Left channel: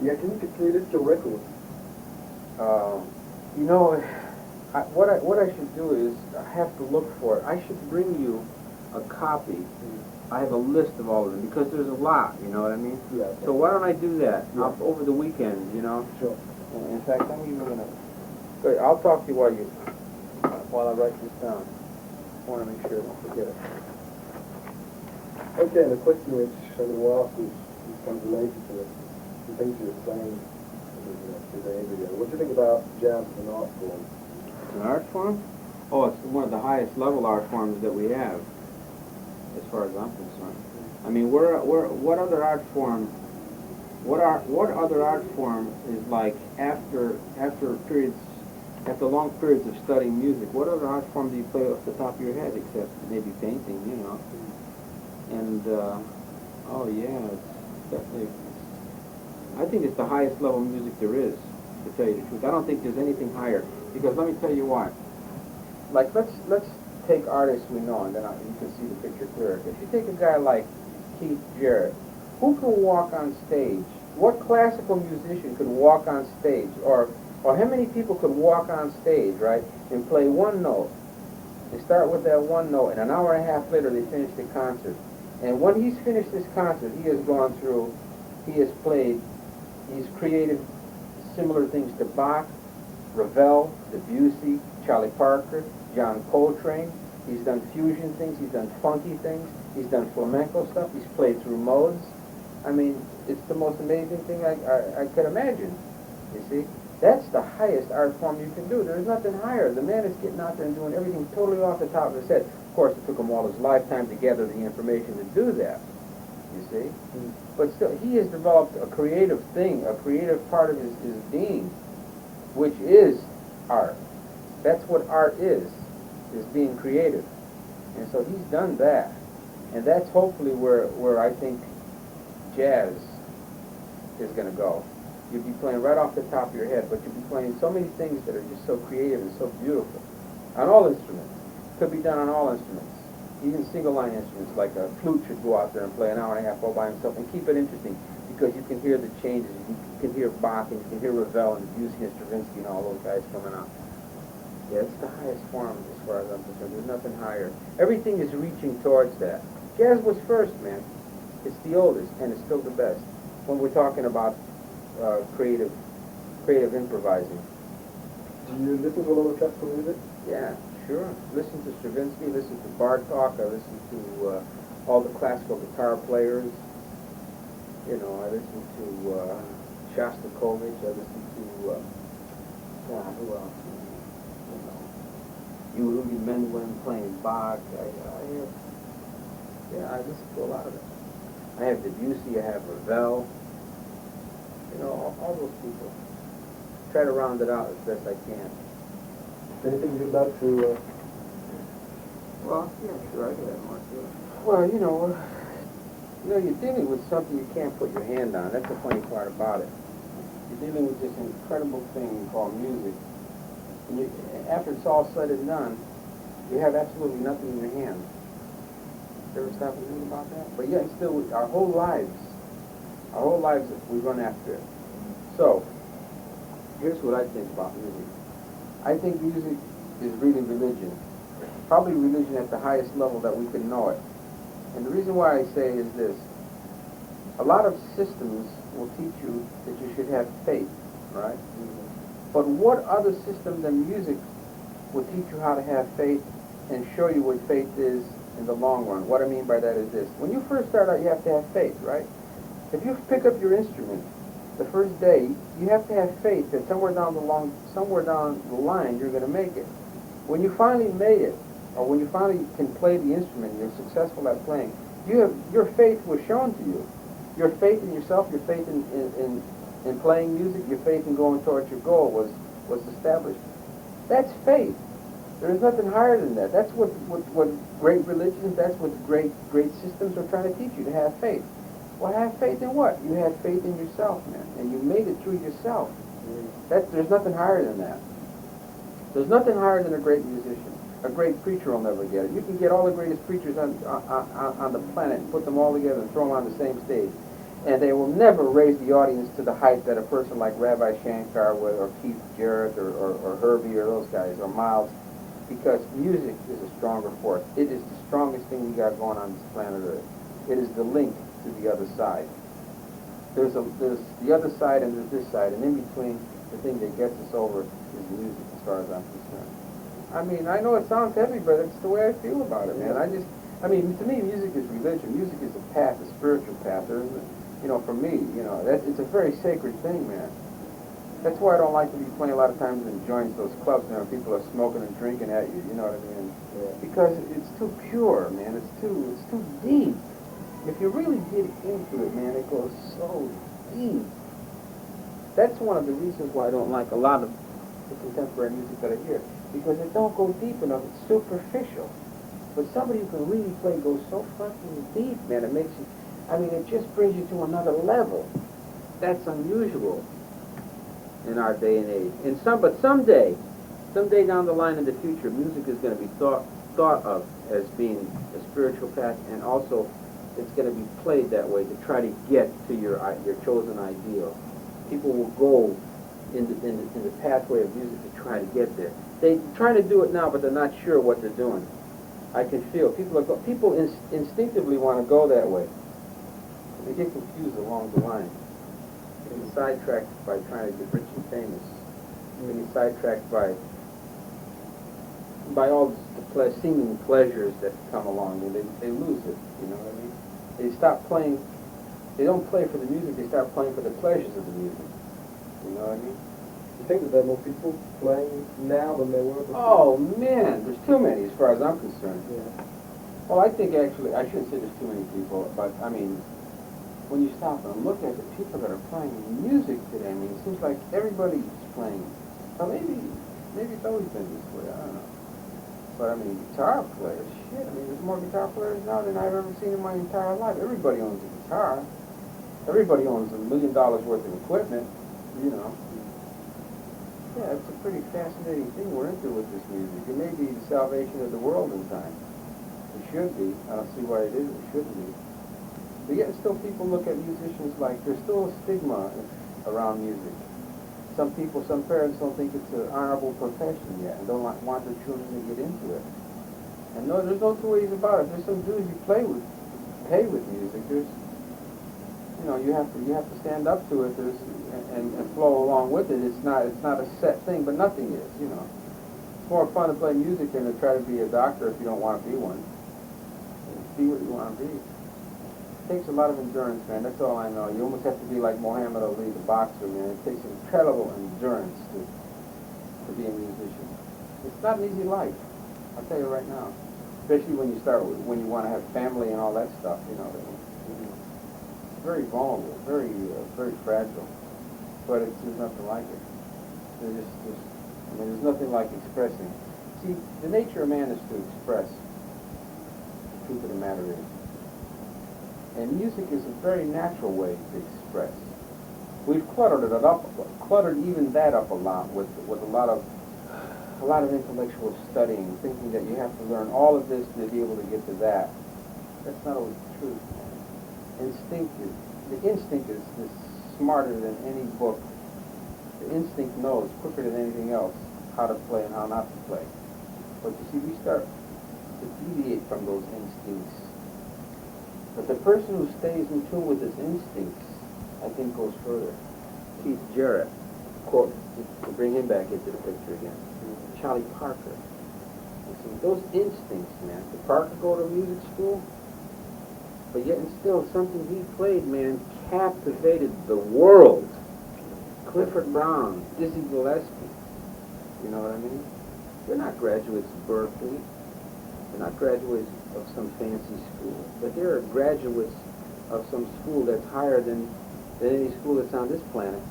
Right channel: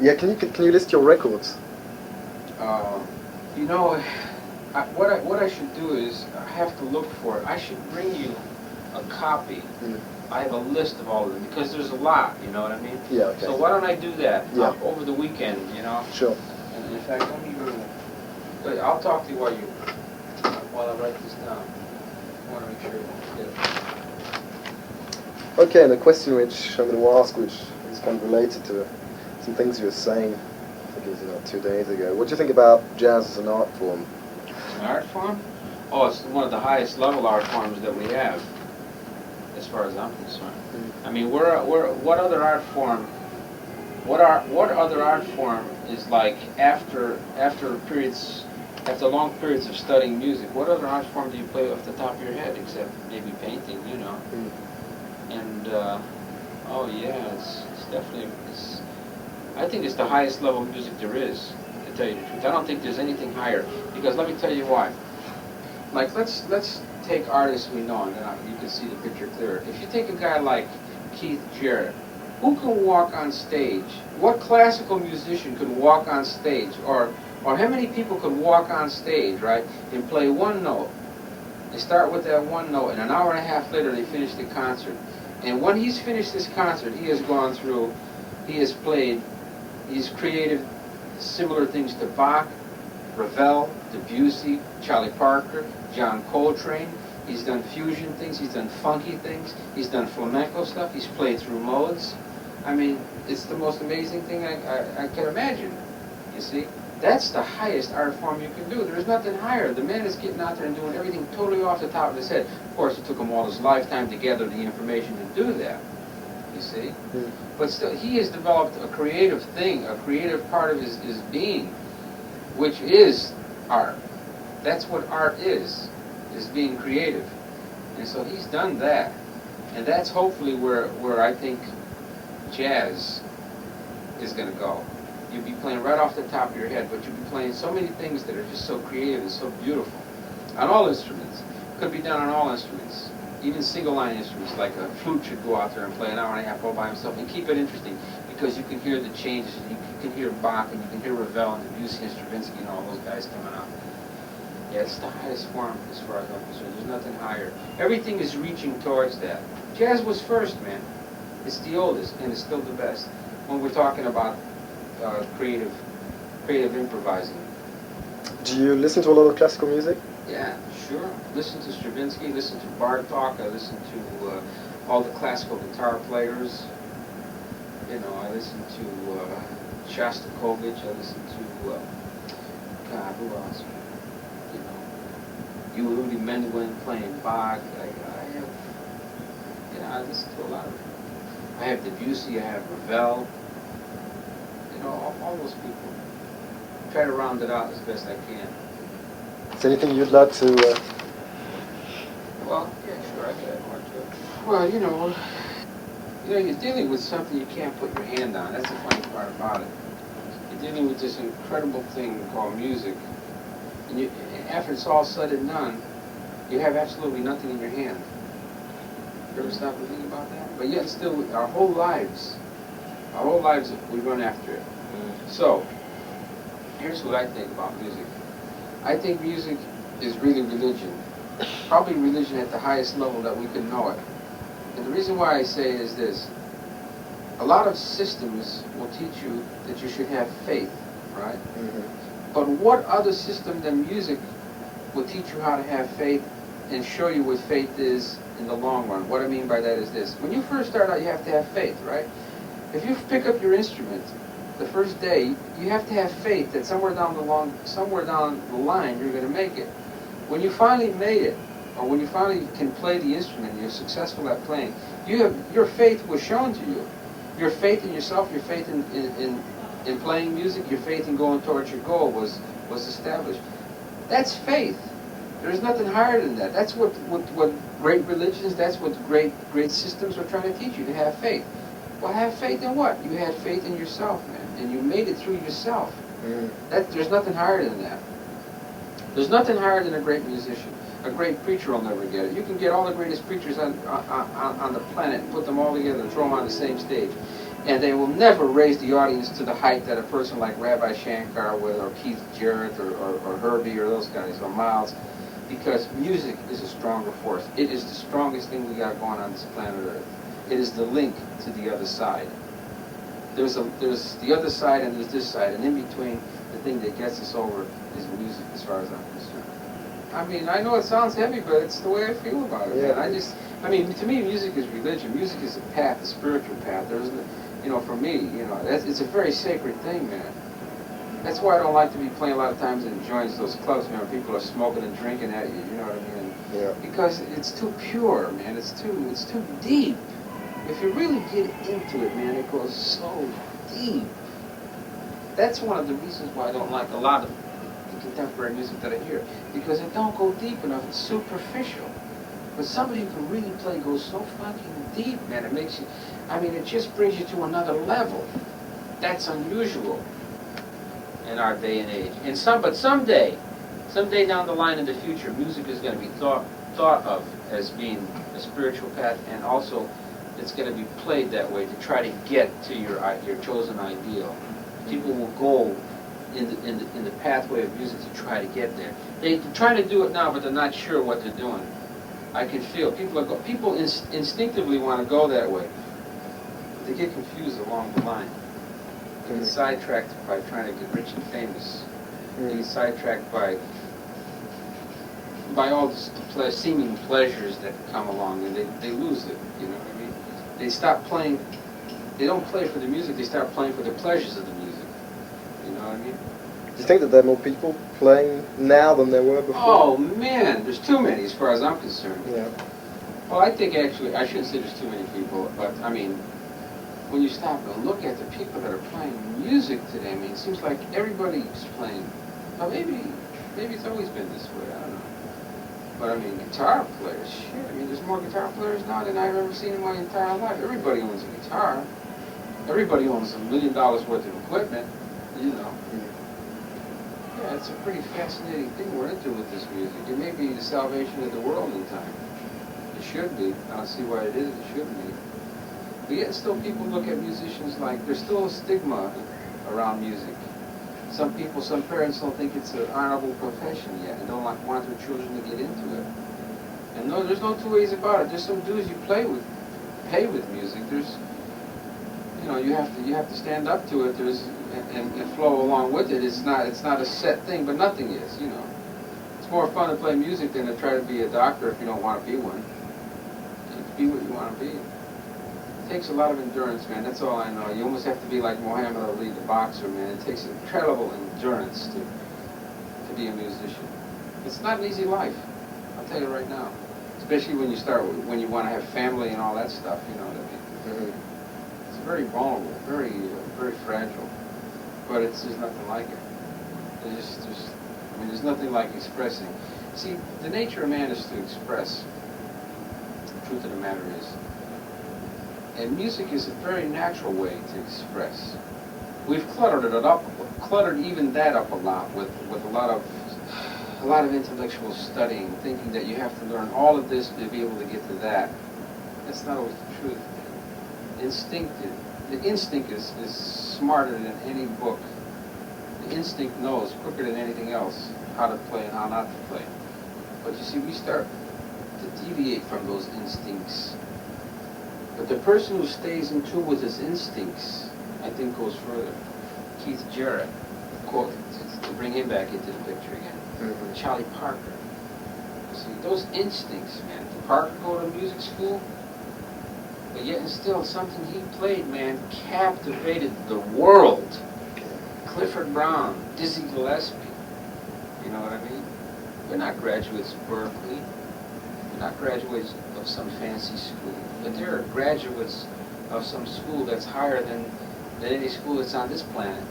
Yeah, can you list your records? You know, what I should do is I have to look for it. I should bring you a copy. Mm. I have a list of all of them because there's a lot. You know what I mean? Yeah. Okay. So why don't I do that Yeah. over the weekend? You know. Sure. And in fact, I'm even gonna. I'll talk to you while I write this down. I want to make sure I don't forget it. Okay, and a question which I'm going to ask, which is kind of related to some things you were saying, I think it was 2 days ago. What do you think about jazz as an art form? It's an art form? Oh, it's one of the highest level art forms that we have, as far as I'm concerned. Mm. I mean, what other art form? What other art form is like after long periods of studying music? What other art form do you play off the top of your head, except maybe painting? You know. Mm. And oh yeah, it's definitely I think it's the highest level of music there is, to tell you the truth. I don't think there's anything higher, because let me tell you why. Like let's take artists we know, and then you can see the picture clearer. If you take a guy like Keith Jarrett, who can walk on stage? What classical musician could walk on stage, or how many people could walk on stage, right, and play one note? They start with that one note, and an hour and a half later they finish the concert. And when he's finished this concert, he has gone through, he has played, he's created similar things to Bach, Ravel, Debussy, Charlie Parker, John Coltrane. He's done fusion things, he's done funky things, he's done flamenco stuff, he's played through modes. I mean, it's the most amazing thing I can imagine, you see? That's the highest art form you can do. There's nothing higher. The man is getting out there and doing everything totally off the top of his head. Of course, it took him all his lifetime to gather the information to do that, you see? Mm. But still, he has developed a creative thing, a creative part of his being, which is art. That's what art is being creative. And so he's done that. And that's hopefully where I think jazz is going to go. You'd be playing right off the top of your head, but you'd be playing so many things that are just so creative and so beautiful. On all instruments. Could be done on all instruments. Even single-line instruments, like a flute should go out there and play an hour and a half all by himself and keep it interesting, because you can hear the changes. You can hear Bach, and you can hear Ravel and Debussy and Stravinsky and all those guys coming out. Yeah, it's the highest form as far as I'm concerned. There's nothing higher. Everything is reaching towards that. Jazz was first, man. It's the oldest, and it's still the best. When we're talking about creative improvising. Do you listen to a lot of classical music? Yeah, sure. Listen to Stravinsky, listen to Bartok, I listen to all the classical guitar players. You know, I listen to Shostakovich, I listen to, God, who else? You know, Yehudi Menuhin playing Bach. I listen to a lot of it. I have Debussy, I have Ravel. You know, all those people. Try to round it out as best I can. Is there anything you'd like to... Well, yeah, sure, I can add more to it. Well, you know, you're dealing with something you can't put your hand on. That's the funny part about it. You're dealing with this incredible thing called music. And after it's all said and done, you have absolutely nothing in your hand. You ever stop and think about that? But yet still, our whole lives, we run after it. So, here's what I think about music. I think music is really religion. Probably religion at the highest level that we can know it. And the reason why I say is this. A lot of systems will teach you that you should have faith, right? Mm-hmm. But what other system than music will teach you how to have faith and show you what faith is in the long run? What I mean by that is this. When you first start out, you have to have faith, right? If you pick up your instrument the first day, you have to have faith that somewhere down the line you're going to make it. When you finally made it, or when you finally can play the instrument, you're successful at playing, your faith was shown to you. Your faith in yourself, your faith in playing music, your faith in going towards your goal was established. That's faith. There's nothing higher than that. That's what great religions, that's what great systems are trying to teach you, to have faith. Well, have faith in what? You had faith in yourself, man, and you made it through yourself. There's nothing higher than that. There's nothing higher than a great musician. A great preacher will never get it. You can get all the greatest preachers on the planet and put them all together and throw them on the same stage. And they will never raise the audience to the height that a person like Rabbi Shankar would, or Keith Jarrett, or Herbie, or those guys, or Miles, because music is a stronger force. It is the strongest thing we got going on this planet Earth. It is the link to the other side. There's the other side and there's this side, and in between, the thing that gets us over is music, as far as I'm concerned. I mean, I know it sounds heavy, but it's the way I feel about it, man. I mean, to me, music is religion. Music is a path, a spiritual path. For me, it's a very sacred thing, man. That's why I don't like to be playing a lot of times in joints, those clubs, man, where people are smoking and drinking at you, you know what I mean? Yeah. Because it's too pure, man. It's too deep. If you really get into it, man, it goes so deep. That's one of the reasons why I don't like a lot of the contemporary music that I hear, because it don't go deep enough. It's superficial. But somebody who can really play goes so fucking deep, man. It makes you, it just brings you to another level. That's unusual in our day and age. But someday down the line in the future, music is going to be thought of as being a spiritual path, and also it's going to be played that way to try to get to your chosen ideal. People will go in the pathway of music to try to get there. They're trying to do it now, but they're not sure what they're doing. I can feel people instinctively want to go that way. They get confused along the line. They get sidetracked by trying to get rich and famous. They get sidetracked by all the seeming pleasures that come along, and they lose it. You know what I mean? They stop playing. They don't play for the music. They start playing for the pleasures of the music. You know what I mean? Do you think that there are more people playing now than there were before? Oh man, there's too many as far as I'm concerned. Yeah. Well, I think actually, I shouldn't say there's too many people, but I mean, when you stop and look at the people that are playing music today, it seems like everybody's playing. Well, maybe it's always been this way, I don't know. But guitar players, shit, there's more guitar players now than I've ever seen in my entire life. Everybody owns a guitar. Everybody owns $1 million worth of equipment, you know. Yeah, it's a pretty fascinating thing we're into with this music. It may be the salvation of the world in time. It should be. I don't see why it isn't. It shouldn't be. But yet still people look at musicians like, there's still a stigma around music. Some parents don't think it's an honorable profession yet and don't want their children to get into it. And no, there's no two ways about it. There's some dudes you pay with music. There's, you have to stand up to it. And flow along with it. It's not a set thing, but nothing is. It's more fun to play music than to try to be a doctor if you don't want to be one. Be what you want to be. It takes a lot of endurance, man. That's all I know. You almost have to be like Muhammad Ali, the boxer, man. It takes incredible endurance to be a musician. It's not an easy life. I'll tell you right now. Especially when you want to have family and all that stuff. You know what I mean? Mm-hmm. It's very vulnerable, very very fragile. But there's nothing like it. There's nothing like expressing. See, the nature of man is to express. The truth of the matter is. And music is a very natural way to express. We've cluttered even that up a lot with a lot of intellectual studying, thinking that you have to learn all of this to be able to get to that. That's not always the truth, man. The instinct is smarter than any book. The instinct knows quicker than anything else how to play and how not to play. But you see, we start to deviate from those instincts. But the person who stays in tune with his instincts, I think, goes further. Keith Jarrett, quote, to bring him back into the picture again. Mm-hmm. Charlie Parker. You see, those instincts, man. Did Parker go to music school? But yet and still, something he played, man, captivated the world. Clifford Brown, Dizzy Gillespie. You know what I mean? They're not graduates of Berkeley. They're not graduates of some fancy school. But they're graduates of some school that's higher than any school that's on this planet.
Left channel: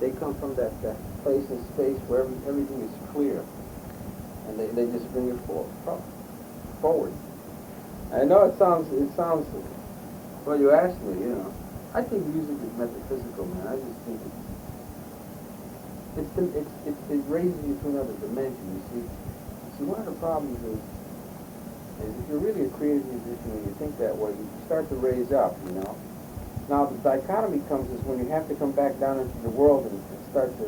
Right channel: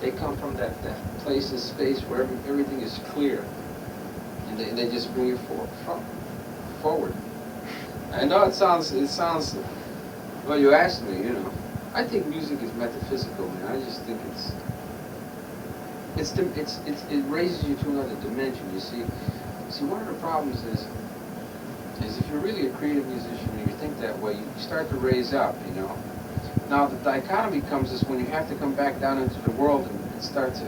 They come from that place in space where everything is clear. And they just bring it forward. I know it sounds, well, you asked me, I think music is metaphysical, man. I just think it raises you to another dimension, you see. See, one of the problems is if you're really a creative musician and you think that way, you start to raise up, Now the dichotomy comes is when you have to come back down into the world and start to